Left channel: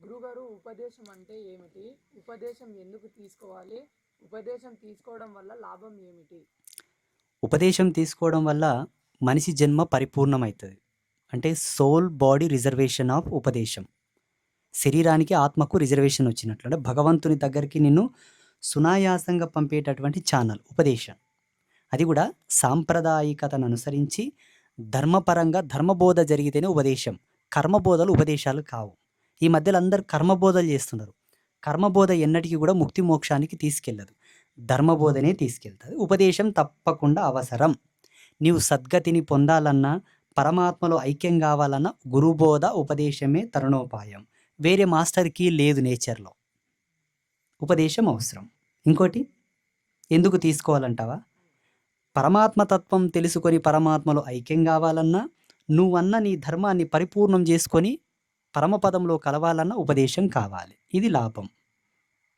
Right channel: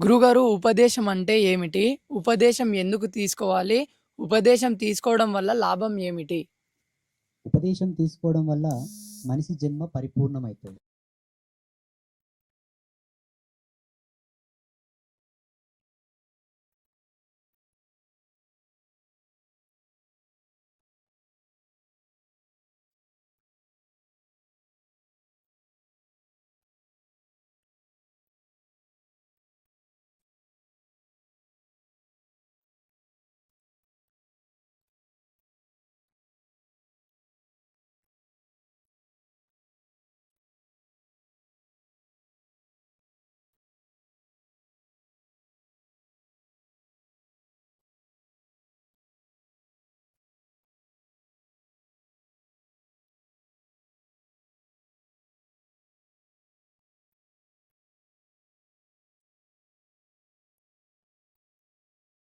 గురుగారు ఉపదేశం అంటే ఏమిటి? ఉపదేశం ఎందుకు తీసుకోవాలి? ఉపదేశం తీసుకోవడం వల్ల లాభం ఏమిటి? ఉపదేశం తీసుకోవడం వల్ల మనిషి జన్మ పరిపూర్ణమైతది. అంటే సోల్, బాడీ రిజర్వేషన్ ఆఫ్ ఉపదేశం. శరీరానికి, ఆత్మకు రిజర్వేషన్ వచ్చినట్లు. అంటే భగవంతుని దగ్గరికి నిన్ను సునాయాసంగా పంపేటటువంటి ఛానల్ ఉపదేశం. అది గూడా సాంప్రదాయికతను అనుసరించి ధర్మపరంగా ధర్మబోధ జరిగితేనే ఉపదేశం. కర్మబోధలు ఉపదేశాలు కావు. ఈ మధ్యలో అందరూ కర్మబోధలు చేస్తున్నారు. కర్మబోధ ఎన్నటికి గూడా ముక్తి మోక్షానికి తీసుకెళ్ళదు. ధర్మబోధనే తీసుకెళ్తది. ఉపదేశం తప్పకుండా అవసరం. నీవు సద్గతిని పొందాలన్నా, పరమాత్మలో ఐక్యం గావాలన్నా గురుబోధ, ఉపదేశమే తరుణోపాయం. వేరే మాస్టర్ కీ లేదు నేచర్‌లో. ఉపదేశం అవసరం. ఇంకోటి ఎందుకు తీసుకోవాలంటావా? పరమాత్మ తత్వం తెలుసుకొని పరమాత్మలో ఐక్యం గావాలన్నా, నువ్వన్న నీ ధర్మాన్ని పరిపూర్ణం జేసుకొని పరమపదంలో కలవాలన్నా ఉపదేశం కావాలి. ఇది లాభం.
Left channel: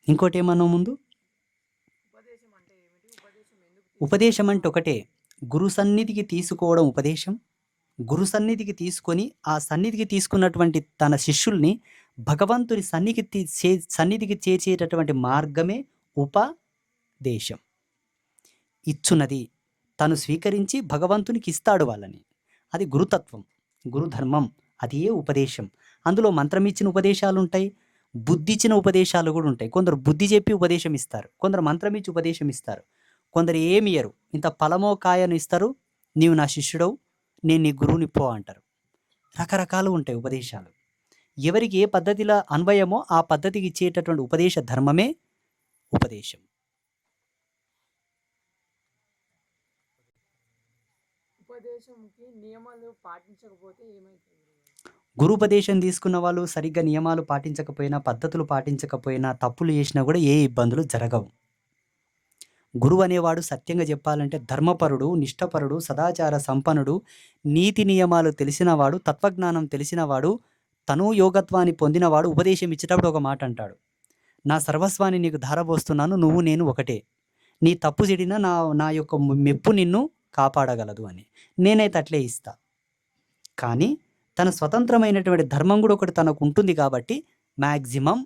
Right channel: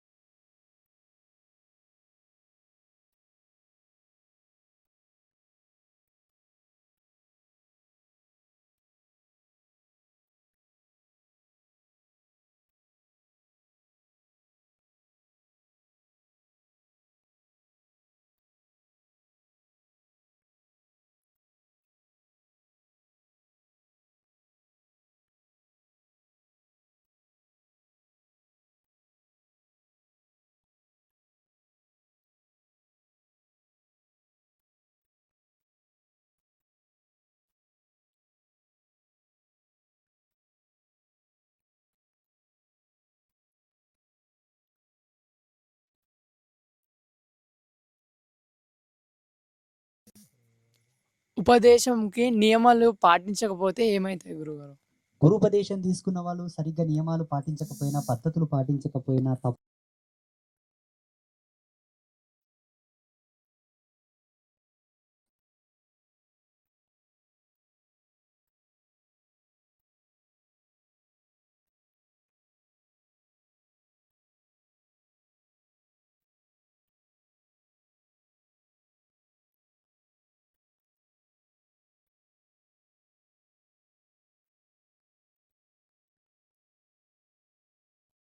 ఇంకోటేమన్నావు ముందు? ఉపదేశం అంటే ఒకటే. గురు సన్నిధికి తీసుకోవడం ఉపదేశం. గురు సన్నిధికి తీసుకొని, ఆ సన్నిధికి తీసుకున్నటువంటి తన శిష్యుల్ని భగవంతుని సన్నిధికి చేర్చేటటువంటి మార్గమే ఉపదేశం. ఇచ్చునది. తను స్వీకరించి భగవంతునికిస్తాడు వాళ్ళని. అది గురుతత్వం. గురుధర్మం. అది ఏ ఉపదేశం. అందులో మంత్రమిచ్చిన ఉపదేశాలుంటాయి. బుద్ధిచ్చిన ఉపదేశాలు గూడా ఉంటాయి. కొందరు బుద్ధి చెప్పి ఉపదేశం ఇస్తారు. కొందరు మంత్రమిచ్చి ఉపదేశం ఇస్తారు. కొందరు ఏమియ్యరు. ఇంత ఫలమో, కాయనో ఇస్తారు. నీవు నా శిష్యుడవు. నేను నీ గురువుని పో అంటారు. రకరకాలుగుంటాయి ఉపదేశాలు. ఎవరికి ఏ పద్ధతిలో అన్వయమో ఆ పద్ధతికి ఇచ్చేటటువంటి ఉపదేశ ధర్మమే ఉపదేశం. ఉపదేశంకి నియమాలు పాటించకపోతే ఏమైతాయి గురుగారు? గురూపదేశం తీసుకున్న వాళ్ళు సరిగ్గా నియమాలు పాటించకపోయినా, పద్ధతులు పాటించకపోయినా, తప్పులు చేసినా గూడా ఏ ఇబ్బందులు జరగవు. గురువనేవాడు సత్యంగా జెప్పాలంటే ధర్మపరుడు, నిష్ఠపరుడు, సదాచార సంపన్నుడు, నీతి నియమాలు తెలిసినవాడు, తత్వజ్ఞానం తెలిసినవాడు, తనూ యోగత్వాన్ని పొందినవాడు ఉపదేశం ఇచ్చేటప్పుడు ఒక మాట అంటాడు. నా సర్వస్వాన్ని నీకు ధారబోస్తున్నాను. నువ్వు నేను ఒకటే. నీ తప్పు చెడినా నా నా యొక్క మెప్పు నిన్ను కాపాడగలదు అని. నేనైతే అట్లే ఇస్తా. కానీ తన స్వతంత్రమైనటువంటి ధర్మం గూడా ఒకటి తనకుంటుంది కాబట్టి మాక్సిమం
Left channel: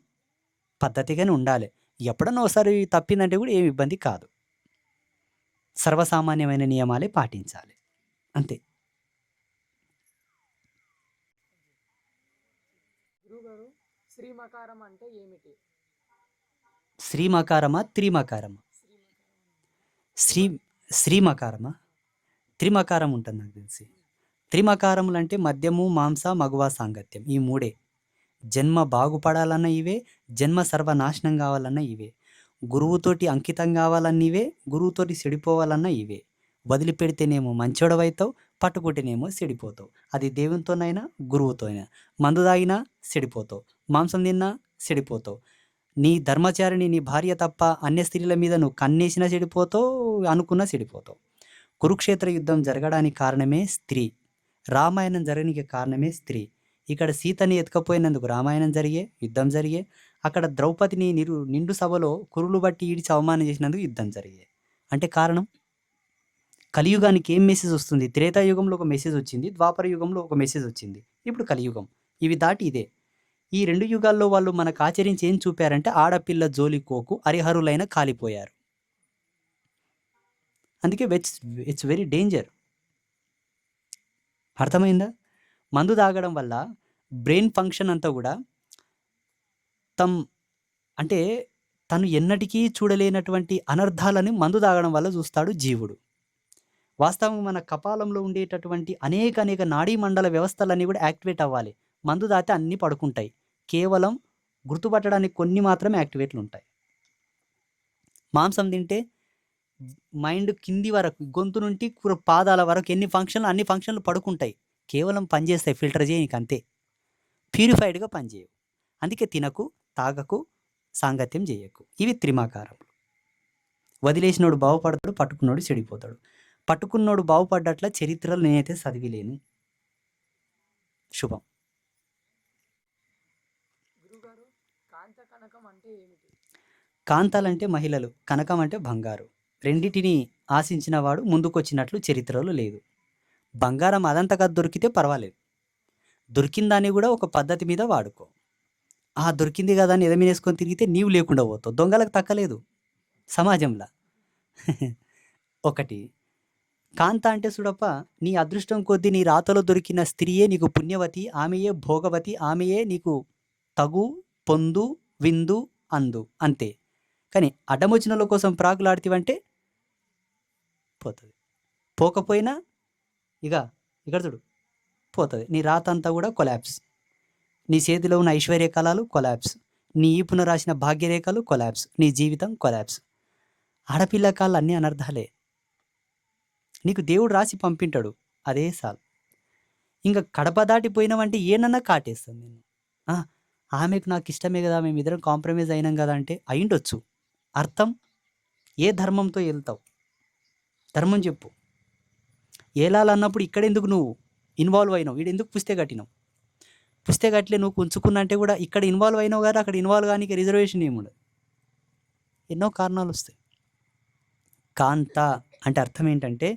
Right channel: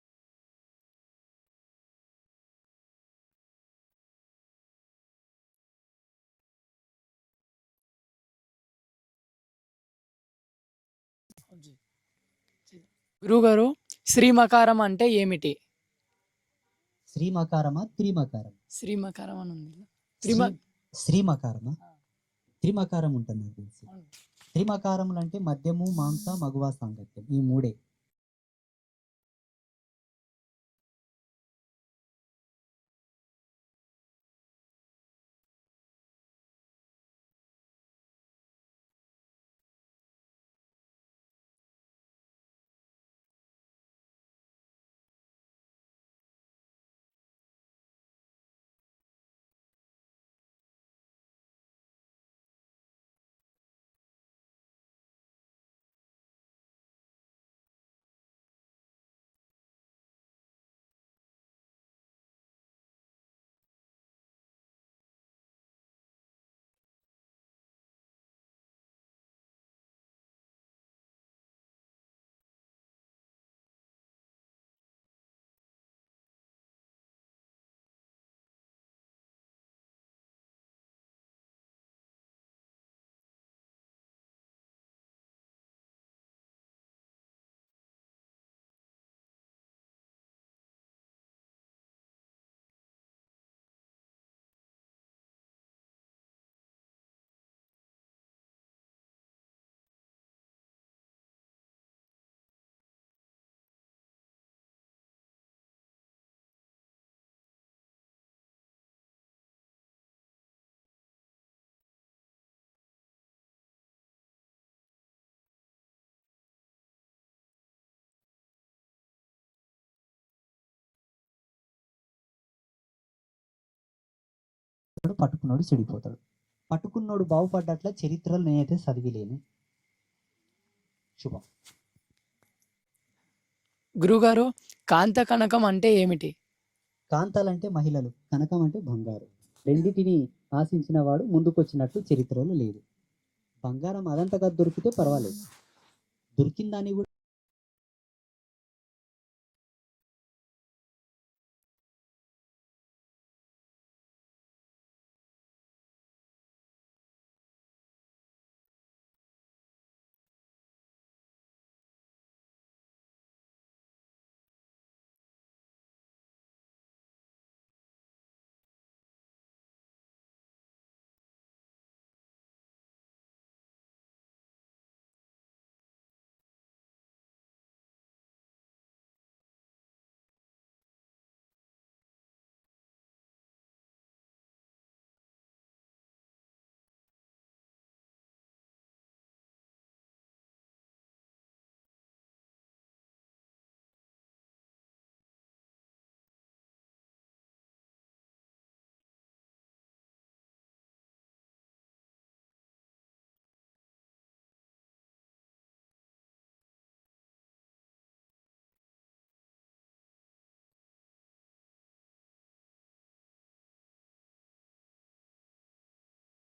పద్ధతిగానే ఉండాలె. ఎప్పుడన్నా ఓసారి తప్పిందంటే గూడా ఏమి ఇబ్బంది కాదు. సర్వసామాన్యమైన నియమాలే పాటించాలి. అంతే. గురుగారు శ్రీమకారం అంటే ఏమిటి? శ్రీమకారమా? త్రిమకారమా? శ్రీమకారం అని ఉంది. శ్రీ శ్రీమకారమా? త్రిమకారం ఉంటది నాకు తెలిసి. త్రిమకారములంటే మద్యము, మాంస, మగువ సాంగత్యం. ఈ మూడే. జన్మ బాగుపడాలన్నా ఇవే, జన్మ సర్వనాశనం గావాలన్నా ఇవే. గురువుతోటి అంకితం గావాలన్నా ఇవే, గురువుతోటి చెడిపోవాలన్నా ఇవే. వదిలిపెడితేనేమో మంచోడివైతావు, పట్టుకుంటేనేమో చెడిపోతావు. అది దేవునితోనైనా, గురువుతో అయినా. మందు తాగినా చెడిపోతావు, మాంసం తిన్నా చెడిపోతావు. నీ ధర్మచారిణి నీ భార్య తప్ప అన్య స్త్రీల మీద నువ్వు కన్నేసినా చెడిపోతావు, అనుకున్నా చెడిపోతావు. కురుక్షేత్ర యుద్ధం జరగడానికి కారణమే స్త్రీ. రామాయణం జరగనీకి కారణమే స్త్రీ. ఇక్కడ సీతని ఎత్తుకపోయినందుకు రామాయణం జరిగే, యుద్ధం జరిగే. అక్కడ ద్రౌపదిని నిండు సభలో కురులు బట్టి ఈడ్చి అవమానం చేసినందుకు యుద్ధం జరిగే. అంటే కారణం కలియుగానికి ఏం మెసేజ్ వస్తుంది? త్రేతాయుగంలో ఒక మెసేజ్ వచ్చింది. ద్వాపర యుగంలో ఒక మెసేజ్ వచ్చింది. ఇప్పుడు కలియుగం. ఇవి దాటి ఇదే. ఈ 2 యుగాల్లో వాళ్ళు మనకు ఆచరించి ఏం చూపారంటే ఆడపిల్ల జోలికోకు హరిహరులైన కాలిపోయారు. అందుకే ఇట్స్ వెరీ డేంజర్. అర్థమైందా? మందు తాగడం వల్ల బ్రెయిన్ ఫంక్షన్ అంతా గూడా తమ్ అంటే తను ఎన్నటికీ చూడలేనటువంటి అనర్థాలని మందు తాగడం వల్ల చూస్తాడు జీవుడు. వాస్తవంగా మన కపాలంలో ఉండేటటువంటి అనేక నాడీ మండల వ్యవస్థలన్నీ గూడా యాక్టివేట్ అవ్వాలి. మందు తాగితే అన్నీ పడుకుంటాయి. కేవలం గుర్తుపట్టడానికి కొన్ని మాత్రమే యాక్టివేట్లుంటాయి. మాంసం తింటే మైండ్ కింది వరకు గొంతు నుండి పాదాల వరకు అన్ని ఫంక్షన్లు పడుకుంటాయి. కేవలం పనిచేస్తాయి ఫిల్టర్ చేయనీకి అంతే. ప్యూరిఫైడ్‌గా పనిచేయవు. అందుకే తినకు, తాగకు, సాంగత్యం జేయకు. ఇవి త్రిమకారములు. వదిలేసినోడు బాగుపడతాడు, పట్టుకున్నోడు చెడిపోతాడు. పట్టుకున్నోడు బాగుపడ్డట్ల చరిత్రలో నేనైతే చదివిలేను. శుభం. గురుగారు కాంత కనకం అంటే ఏమిటి? కాంతాలంటే మహిళలు, కనకం అంటే బంగారు. రెండిటిని ఆశించిన వాడు ముందుకొచ్చినట్లు చరిత్రలో లేదు. బంగారం అదంతగా దొరికితే పర్వాలేదు. దొరికిన దాన్ని గూడా ఒక పద్ధతి మీద వాడుకో. దొరికింది కదా అని ఎదమేసుకొని తిరిగితే నీవు లేకుండా పోతావు. దొంగలకు తక్కలేదు సమాజంలో. ఒకటి. కాంత అంటే చూడప్ప, నీ అదృష్టం కొద్దీ నీ రాతలో దొరికిన స్త్రీయే నీకు పుణ్యవతి, ఆమెయే భోగవతి, ఆమెయే నీకు తగు, పొందు, విందు, అందు అంతే. కానీ అడ్డమొచ్చినోళ్ళ కోసం ప్రాకులాడితివంటే పోతది. పోకపోయినా ఇగ ఇక్కడ చూడు పోతది. నీ రాత అంతా కూడా కొలాప్స్. నీ చేతిలో ఉన్న ఐశ్వర్య కళలు కొలాప్స్. నీ ఈపున రాసిన భాగ్యరేఖలు కొలాప్స్. నీ జీవితం కొలాప్స్. ఆడపిల్ల కాళ్ళు అన్నీ అనర్థాలే. నీకు దేవుడు రాసి పంపింటాడు. అదే సాలు. ఇంక కడప దాటిపోయినావంటే ఏనన్నా కాటేస్తుంది నిన్ను. ఆ! ఆమెకు నాకు ఇష్టమే కదా! మేమిద్దరం కాంప్రమైజ్ అయినాం కదా! అంటే అయ్యుండొచ్చు. అర్థం? ఏ ధర్మంతో ఎళ్తావు? ధర్మం చెప్పు. ఏలాలన్నప్పుడు ఇక్కడెందుకు నువ్వు ఇన్వాల్వ్ అయినావు? ఈడెందుకు పుస్తే కట్టినావు? పుస్తే కట్టలే నువ్వు ఉంచుకున్నా అంటే కూడా ఇక్కడ ఇన్వాల్వ్ అయినావు కదా! అక్కడ ఇన్వాల్వ్ గానీకి రిజర్వేషన్ ఏముండదు. ఎన్నో కారణాలొస్తాయి. కాంత అంటే అర్థం ఏంటంటే,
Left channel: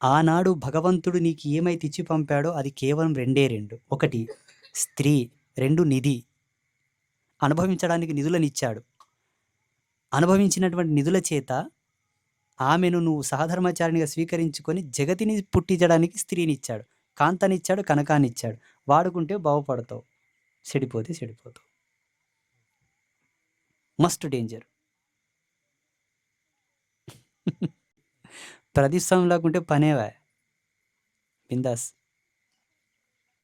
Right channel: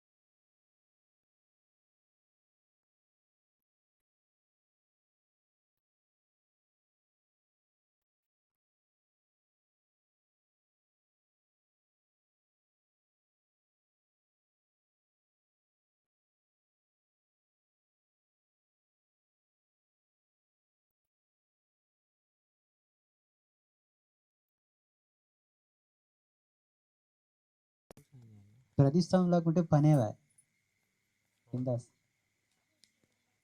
ఆనాడు భగవంతుడు నీకు ఏమైతే ఇచ్చి పంపాడో అది కేవలం రెండే రెండు. ఒకటి స్త్రీ, 2 నిధి. అనుభవించడానికి నిధులనిచ్చాడు. అనుభవించినటువంటి నిధుల చేత ఆమెను నువ్వు సహధర్మచారిణిగా స్వీకరించుకొని జగతిని పుట్టించడానికి స్త్రీనిచ్చాడు. కాంతనిచ్చాడు, కనకాన్నిచ్చాడు. వాడుకుంటే బాగుపడతావు. చెడిపోతే చెడిపోతావు. Must danger. ప్రతిష్టం లేకుంటే పనేవా. బిందాస్.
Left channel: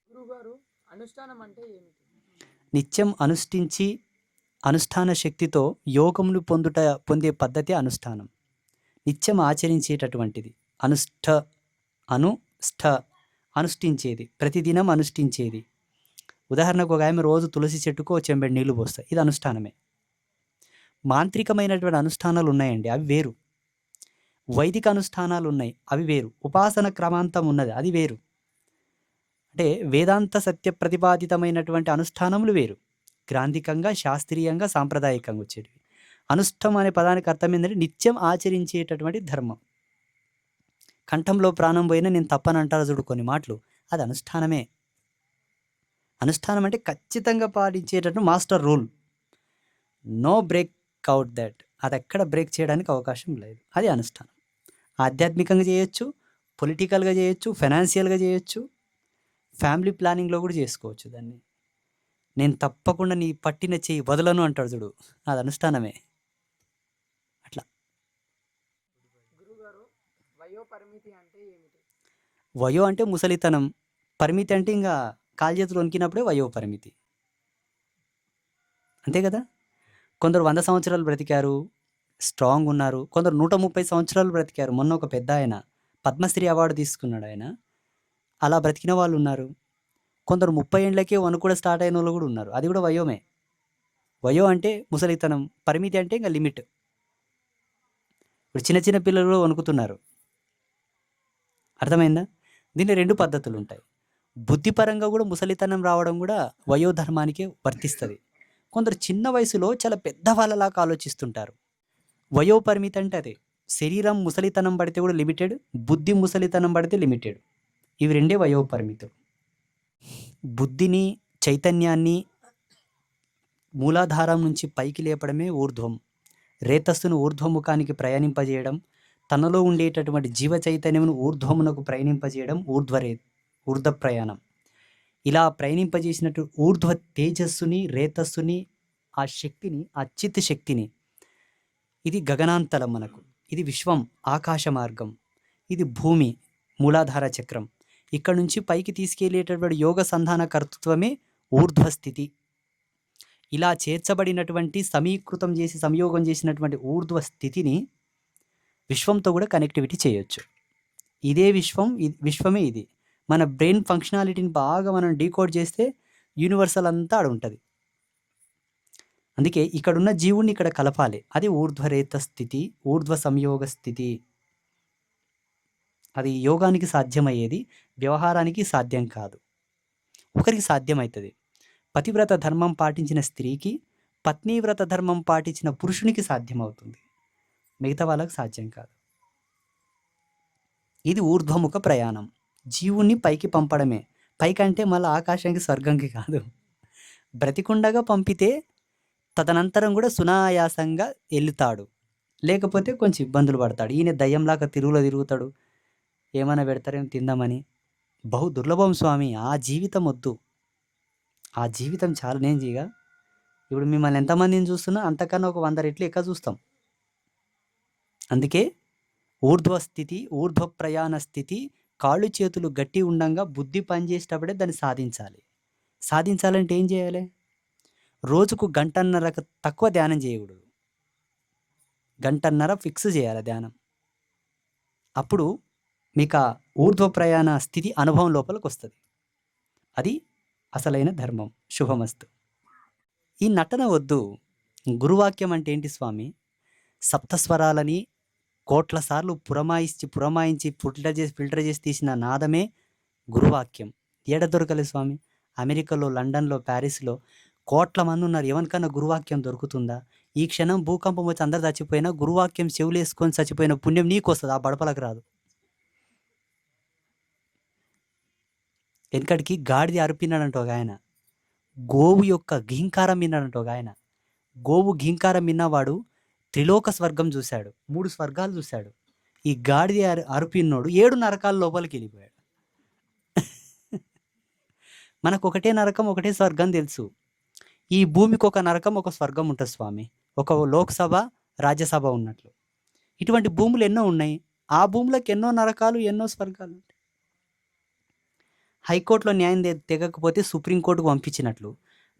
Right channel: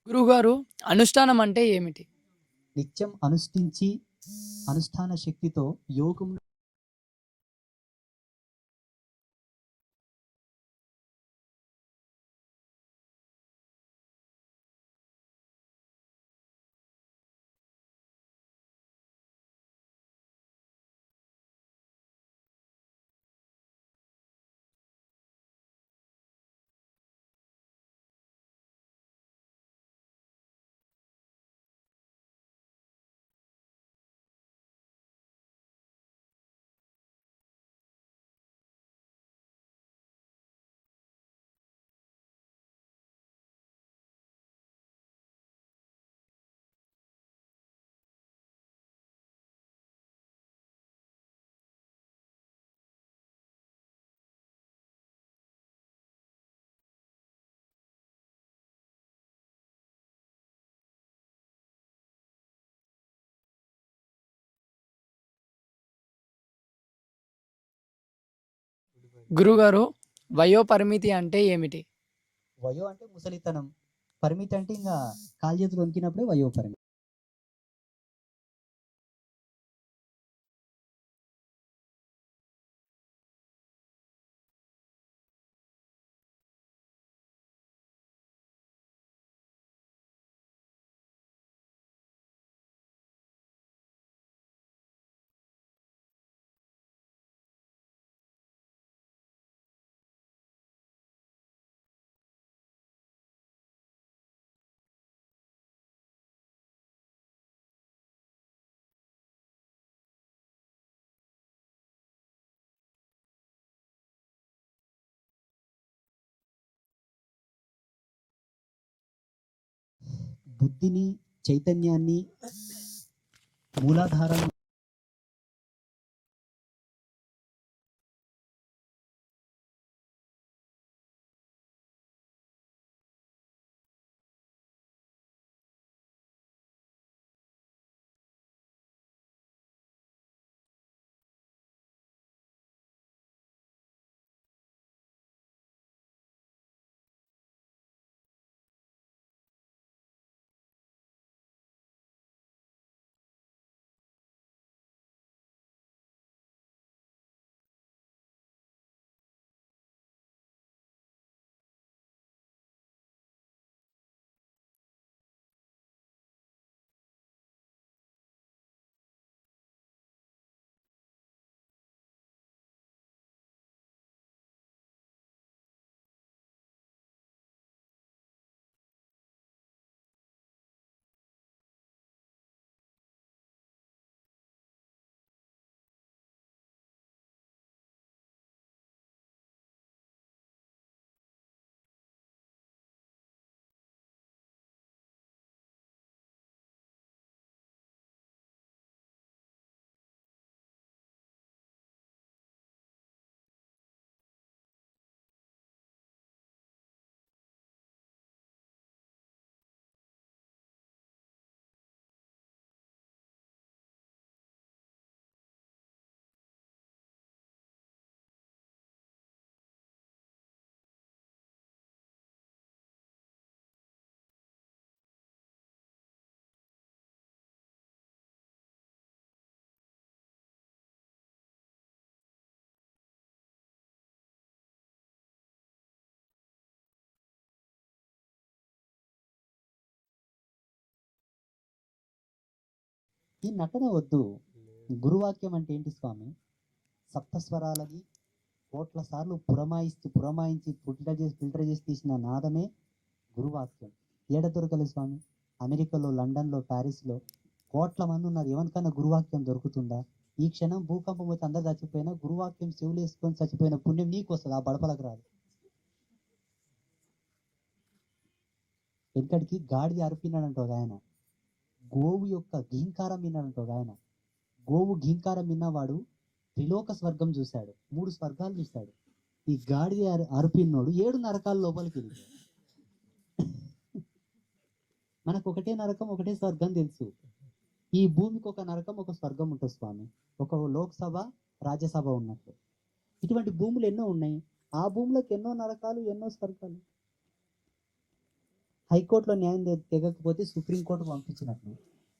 గురువుగారు, అనుష్ఠానం అంటే ఏమిటి? నిత్యం అనుష్ఠించి అనుష్ఠాన శక్తితో యోగమును పొందే పద్ధతి అనుష్ఠానం. నిత్యం ఆచరించేటటువంటిది. అనుష్ఠ అనుష్ఠించేది. ప్రతిదినం అనుష్ఠించేది. ఉదాహరణకు ఒక ఆమె రోజు తులసి చెట్టుకు ఓ చెంబెడు నీళ్లు పోస్తాయి. ఇది అనుష్ఠానమే. మాంత్రికమైనటువంటి అనుష్ఠానాలు ఉన్నాయండి, అవి వేరు. వైదిక అనుష్ఠానాలు ఉన్నాయి, అవి వేరు. ఉపాసన క్రమాంతం ఉన్నది, అది వేరు. అంటే వేదాంత సత్య ప్రతిపాదితమైనటువంటి అనుష్ఠానములు వేరు. గ్రాంధికంగా, శాస్త్రీయంగా, సాంప్రదాయకంగా వచ్చేటివి. అనుష్ఠం అనే పదానికి అర్థం ఏంటంటే నిత్యం ఆచరించేటటువంటి ధర్మం. కంఠంలో ప్రాణం పోయినా నేను తప్పని అంటారు చూడు కొన్ని మాటలు, అది అనుష్ఠానమే. అనుష్ఠానం అంటే ఖచ్చితంగా పాటించేటట్టు master rule. No break out that. అది ఎక్కడ బ్రేక్ చేయడానికి అవకాశం లేదు. అది అనుష్ఠానం. ఆధ్యాత్మికంగా చేయొచ్చు, పొలిటికల్గా చేయొచ్చు, ఫైనాన్షియల్గా చేయొచ్చు, ఫ్యామిలీ ప్లానింగ్లో కూడా చేసుకోవచ్చు దాన్ని. నేను తప్పకుండా నీ పట్టిన చెయ్యి వదలను అంటాడు చూడు, అది అనుష్ఠానమే. అట్లా. గురుగారు, వయో పరిమితి అంటే ఏమిటి? వయో అంటే ముసలితనం, పరిమితి అంటే ఇంకా కాలు చేతులు వణికినప్పుడే వయో పరిమితి. అంతే కదా. కొందరు 100 సంవత్సరాలు బ్రతికారు, స్ట్రాంగ్ ఉన్నారు. కొందరు 130 సంవత్సరాలు బ్రతికారు. మొన్న ఒక పెద్ద ఆయన పద్మశ్రీ అవార్డు తీసుకున్నాడు ఆయన. అలా బ్రతికిన వాళ్ళు ఉన్నారు. కొందరు 30 ఏండ్లకే వణుకు కూడా స్టార్ట్ అయిన వాళ్ళు కూడా ఉన్నారు. అది కూడా వయోమే. వయో అంటే ముసలితనం, పరిమితి అంటే ఇంకా లిమిట్. ఇప్పుడు చిన్న చిన్న పిల్లలు కూడా వణుకుతున్నారు. అర్థమైందా? దీంట్లో 2 పద్ధతులు ఉంటాయి. బుద్ధిపరంగా కూడా ముసలితనం రావడం కూడా వయోధర్మానికే వర్తిస్తుంది. కొందరు చిన్న వయసులో చాలా పెద్ద వాళ్ళలాగా ఆలోచిస్తుంటారు. వయో పరిమితి అంటే అదే. శరీరం ముసలితనం పడితే కూడా లిమిటెడ్, బుద్ధి ముసలితనం పడితే లిమిటెడ్. ఇవి రెండే వయో పరిమితులు. బుద్ధిని, చైతన్యాన్ని మూలాధారం నుంచి పైకి లేపడమే ఊర్ధ్వం. రేతస్సును ఊర్ధ్వముఖానికి ప్రయాణింపజేయడం, తనలో ఉండేటటువంటి జీవ చైతన్యమును ఊర్ధ్వమునకు ప్రయాణింపజేయడం ఊర్ధ్వ ప్రయాణం. ఇలా ప్రయాణింపజేసినట్టు ఊర్ధ్వ తేజస్సుని, రేతస్సుని, ఆ శక్తిని, ఆ చిత్ శక్తిని, ఇది గగనాంతలం మనకు. ఇది విశ్వం, ఆకాశ మార్గం. ఇది భూమి, మూలాధార చక్రం. ఇక్కడ నుంచి పైకి తీసుకెళ్లేటటువంటి యోగ సంధాన కర్తృత్వమే ఊర్ధ్వస్థితి. ఇలా చేర్చబడినటువంటి సమీకృతం చేసి సంయోగం చేసినటువంటి ఊర్ధ్వ స్థితిని విశ్వంతో కూడా కనెక్టివిటీ చేయొచ్చు. ఇదే విశ్వం, విశ్వమే ఇది. మన బ్రెయిన్ ఫంక్షనాలిటీని బాగా మనం డీకోడ్ చేస్తే యూనివర్సల్ అంతా ఆడ ఉంటుంది. అందుకే ఇక్కడున్న జీవుణ్ణి ఇక్కడ కలపాలి. అది ఊర్ధ్వరేత స్థితి, ఊర్ధ్వ సంయోగ స్థితి. అది యోగానికి సాధ్యమయ్యేది, వ్యవహారానికి సాధ్యం కాదు. ఒకరికి సాధ్యమవుతుంది. పతివ్రత ధర్మం పాటించిన స్త్రీకి, పత్నీవ్రత ధర్మం పాటించిన పురుషునికి సాధ్యమవుతుంది. మిగతా వాళ్ళకి సాధ్యం కాదు. ఇది ఊర్ధ్వముఖ ప్రయాణం. జీవుణ్ణి పైకి పంపడమే. పైకంటే మళ్ళీ ఆకాశానికి, స్వర్గంకి కాదు. బ్రతికుండగా పంపితే తదనంతరం కూడా సునాయాసంగా ఎల్లుతాడు. లేకపోతే కొంచెం ఇబ్బందులు పడతాడు. ఈయన దయ్యంలాగా తిరుగుతాడు. ఏమైనా పెడతారేమో తిందామని. బహు దుర్లభం స్వామి. ఆ జీవితం వద్దు. ఆ జీవితం చాలు. ఇప్పుడు మిమ్మల్ని ఎంతమందిని చూస్తున్నా అంతకన్నా ఒక 100 రెట్లు ఎక్కువ చూస్తాం. అందుకే ఊర్ధ్వ ప్రయాణ స్థితి, కాళ్ళు చేతులు గట్టి ఉండంగా బుద్ధి పనిచేసేటప్పుడే దాన్ని సాధించాలి. సాధించాలంటే ఏం చేయాలి? రోజుకు గంటన్నరకు తక్కువ ధ్యానం చేయకూడదు. గంటన్నర ఫిక్స్ చేయాలి ధ్యానం. అప్పుడు మీకు ఆ ఊర్ధ్వ ప్రయాణ స్థితి అనుభవం లోపలికి వస్తుంది. అది అసలైన ధర్మం. శుభమస్తు. ఈ నటన వద్దు. గురువాక్యం అంటే ఏంటి స్వామి? సప్తస్వరాలని కోట్ల సార్లు పురమాయించి ఫిల్టర్ చేసి తీసిన నాదమే గురువాక్యం. ఏడ దొరకలేదు స్వామి? అమెరికాలో, లండన్లో, ప్యారిస్లో కోట్ల మంది ఉన్నారు. ఎవరికన్నా గురువాక్యం దొరుకుతుందా? ఈ క్షణం భూకంపం వచ్చి అందరు చచ్చిపోయినా గురువాక్యం చెవులేసుకొని చచ్చిపోయిన పుణ్యం నీకు వస్తుంది, ఆ బడపలకు రాదు. వెనకడికి గాడిది అరిపినాడంట ఒక ఆయన. గోవు యొక్క ఘీంకారం విన్నాడంట ఒక ఆయన. గోవు ఘీంకారం విన్నవాడు త్రిలోక స్వర్గం చూశాడు, 3 స్వర్గాలు చూశాడు. ఈ గాడిది అరుపిన్నోడు 7 నరకాల లోపలికి వెళ్ళిపోయాడు. మనకు ఒకటే నరకం, ఒకటే స్వర్గం తెలుసు. ఈ భూమికి ఒక నరకం, ఒక స్వర్గం ఉంటుంది స్వామి. ఒక లోక్సభ, రాజ్యసభ ఉన్నట్లు ఇటువంటి భూములు ఎన్నో ఉన్నాయి. ఆ భూములకు ఎన్నో నరకాలు, ఎన్నో స్వర్గాలు. హైకోర్టులో న్యాయం తెగకపోతే సుప్రీంకోర్టుకు పంపించినట్లు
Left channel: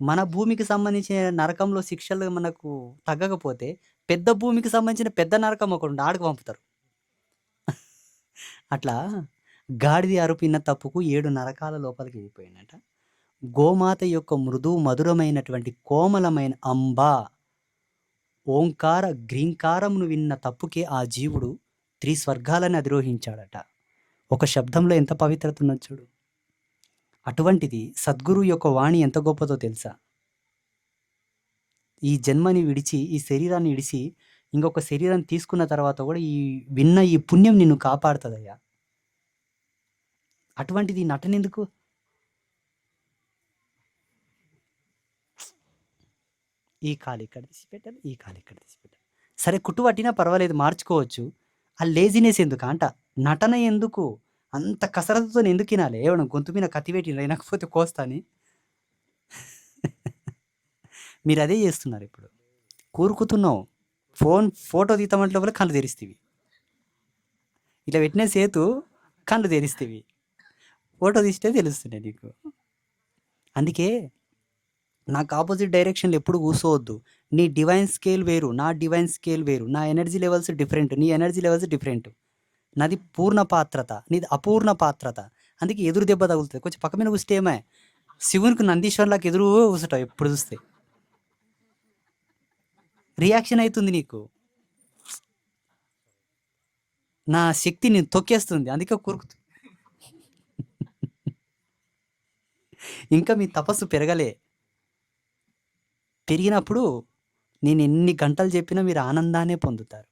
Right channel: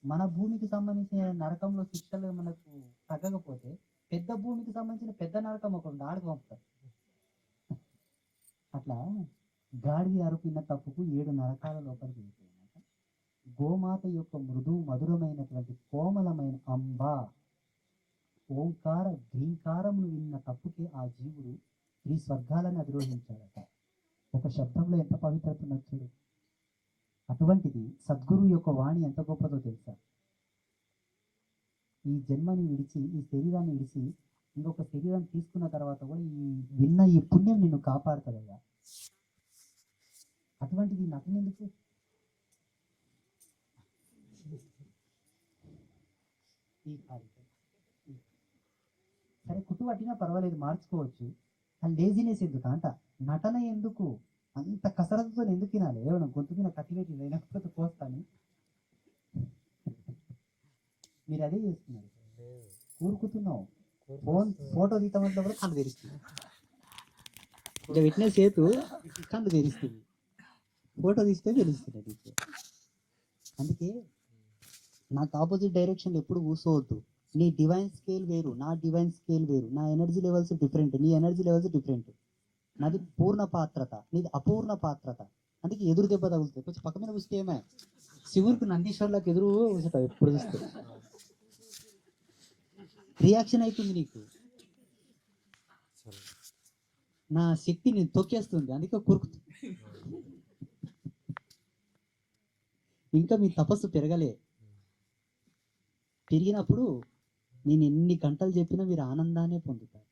మన భూమికి సంబంధించిన నరకంలో శిక్షలు మనకు తగ్గకపోతే పెద్ద భూమికి సంబంధించిన పెద్ద నరకం ఒకటి ఆడికి పంపుతారు. అట్లా గాడిది అరుపిన్న తప్పుకు 7 నరకాల లోపలికి వెళ్ళిపోయినట. గోమాత యొక్క మృదు మధురమైనటువంటి కోమలమైన అంబా ఓంకార గ్రీంకారమును విన్న తప్పుకే ఆ జీవుడు 3 స్వర్గాలని అధిరోహించాడట. ఒక శబ్దంలో ఎంత పవిత్రత ఉన్నది చూడు. అటువంటిది సద్గురు యొక్క వాణి ఎంత గొప్పదో తెలుసా? ఈ జన్మని విడిచి, ఈ శరీరాన్ని విడిచి ఇంకొక శరీరం తీసుకున్న తర్వాత కూడా విన్న ఈ పుణ్యం నిన్ను కాపాడుతుందయ్యా. అటువంటిది నటనెందుకు? ఈ కాలు ఇక్కడ తీసి పెట్టాలి, ఈ కాలు ఇక్కడ తీసి పెట్టాలి. సరే కుట్టు పట్టినా పర్వాలేదు, మార్చుకోవచ్చు. ఆ లేజినెస్ ఎందుకు అంట? నటన ఎందుకు? అంత కసరత్తుతో ఎందుకు వినాలి? ఏమన్నా గొంతు మీద కత్తి పెట్టిన వినకపోతే కోస్తాని. మీరు అదే చేస్తున్నారు ఇప్పుడు. కూరుకుతున్నావు. ఫోటో తీద్దామంటే కూడా కళ్ళు తెరిస్తేవి. ఇట్లా పెట్టిన సేతు కళ్ళు తెరిస్తేవి. ఫోటో తీస్తే తెలుస్తుండే నీకు. అందుకే నాకు ఆపోజిట్ డైరెక్షన్లో ఎప్పుడు కూర్చోవద్దు. నీ డివైన్ స్కేల్ వేరు, నా డివైన్ స్కేల్ వేరు. నా ఎనర్జీ లెవెల్స్ డిఫరెంట్, నీ ఎనర్జీ లెవెల్స్ డిఫరెంట్. నాది పూర్ణ పాత్రత, నీది అపూర్ణ పాత్రత. అందుకే ఎదురు దెబ్బ తగులుతుంది. కొంచెం పక్క మీద కూర్చుంటే ఏమే శివునికి నందీశ్వర్లకు ఎదురు కూర్చుంటావు ఎప్పుడు చూస్తే. రియాక్షన్ అవుతుంది నీకు. నా శక్తి నేను తొక్కేస్తుంది, అందుకే కూరుకుతుంది. ఇంకా మీ తపస్సు పెరిగినప్పుడు నేను ఎన్ని గంటలు చెప్పినా మీరు ఆనందాన్ని పొందుతారు.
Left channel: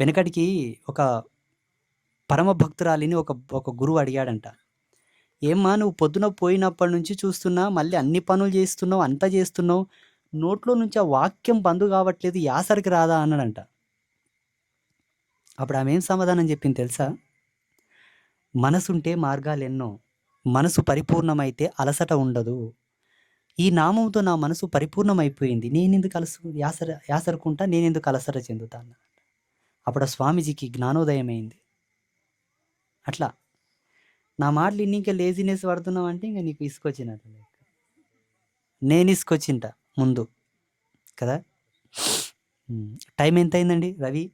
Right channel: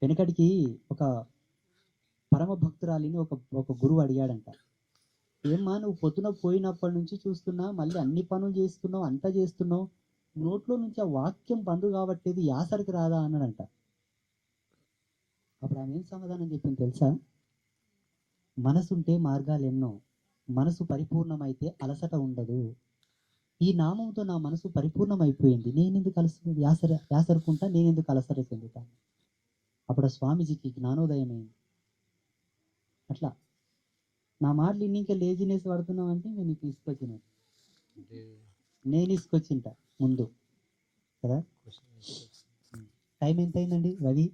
వెనకడికి ఒక పరమ భక్తురాలిని ఒక గురువు అడిగాడంట, ఏమ్మా నువ్వు పొద్దున పోయినప్పటి నుంచి చూస్తున్నా, మళ్ళీ అన్ని పనులు చేస్తున్నావు, అంతా చేస్తున్నావు, నోట్లో నుంచి ఆ వాక్యం బంద్ కావట్లేదు, యాసరికి రాదా అన్నాడంట. అప్పుడు ఆమె ఏం సమాధానం చెప్పింది తెలుసా? మనసుంటే మార్గాలు ఎన్నో, మనసు పరిపూర్ణమైతే అలసట ఉండదు. ఈ నామంతో నా మనసు పరిపూర్ణమైపోయింది, నేనెందుకు యాసరుకుంటా, నేనెందుకు అలసట చెందుతా అన్న. అప్పుడు ఆ స్వామీజీకి జ్ఞానోదయం అయింది. అట్లా నా మాటలు ఇంకా లేజినెస్ పడుతున్నావు అంటే ఇంకా నీకు ఇసుకొచ్చినట్టు. నేను ఇసుకొచ్చింట ముందు కదా. టైం ఎంత అయిందండి రవి?